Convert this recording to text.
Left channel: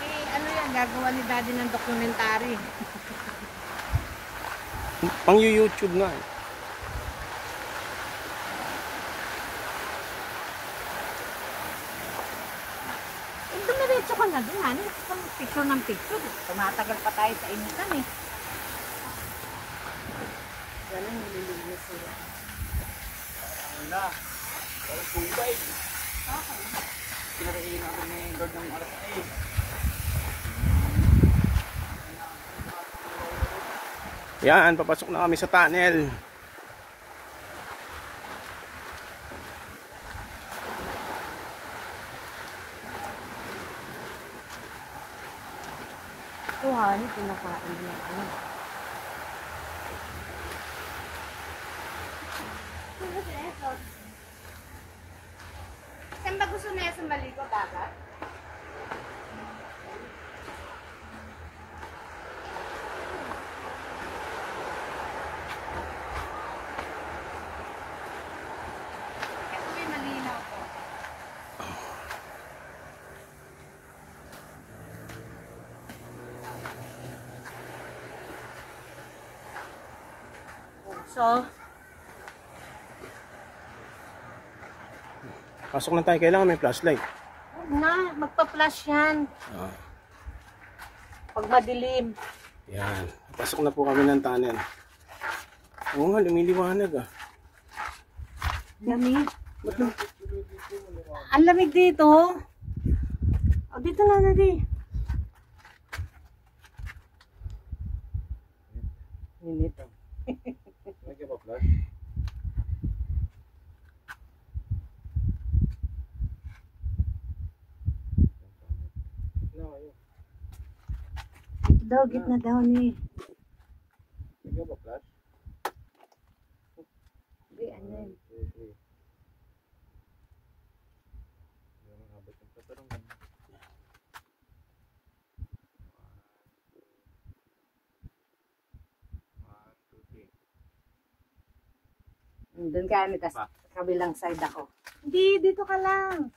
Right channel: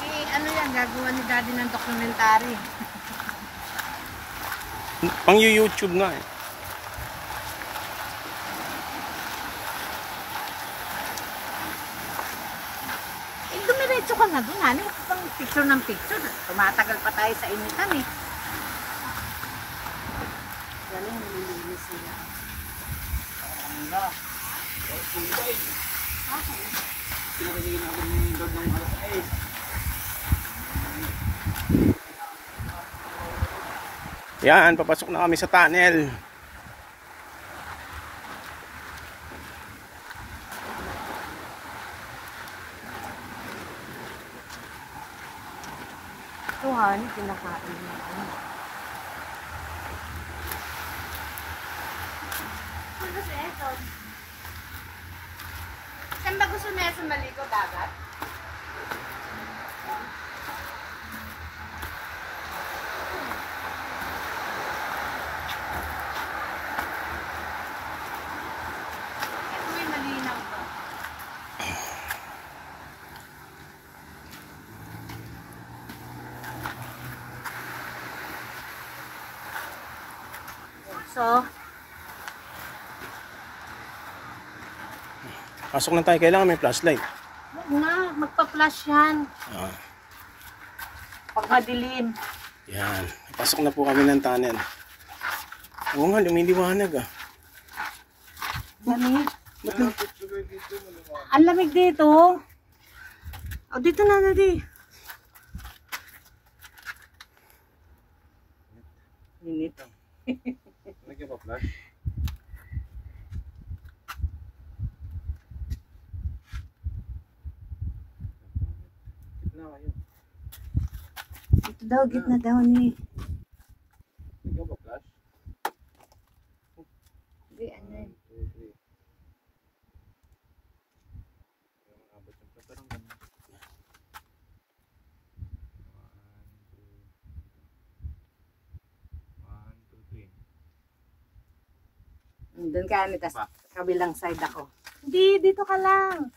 Eh, ano yan, gagawa ni Daddy ng documentary. Pang YouTube nga eh. Eh, dumiretso ka na dun, ano? Pang picture ng picture. Tumatagal pa tayo sa initan eh. Wala yung nililinis sila. Okay. Pinakagigin ako ng dog ng alas 8. Yan, papasok na kami sa tunnel. Ito ha, ano pinakain na ano? Ano si Eton? Saan ba gusto na sa maligo dagat? Ito may malinaw pa. So, Pasok na tayo, kailangan may flashlight. na, magpa-flash yan. Ah, Pag madilim. yan, pasok na po kami ng tunnel. Oo nga, lumiliwanag ah. Lamig. Ba't lang? Ang lamig dito. O, dito na, Daddy. Init. Lagyan pa flash. Gitna kayo. Dito daw, gitna daw ni. Lagyan pa flash. Hindi, ano yun. 2, 3. Yung abot yung patarong ganun. 1, 2, 3. Doon ka, tas kabilang side ako. Hindi, dito ka lang.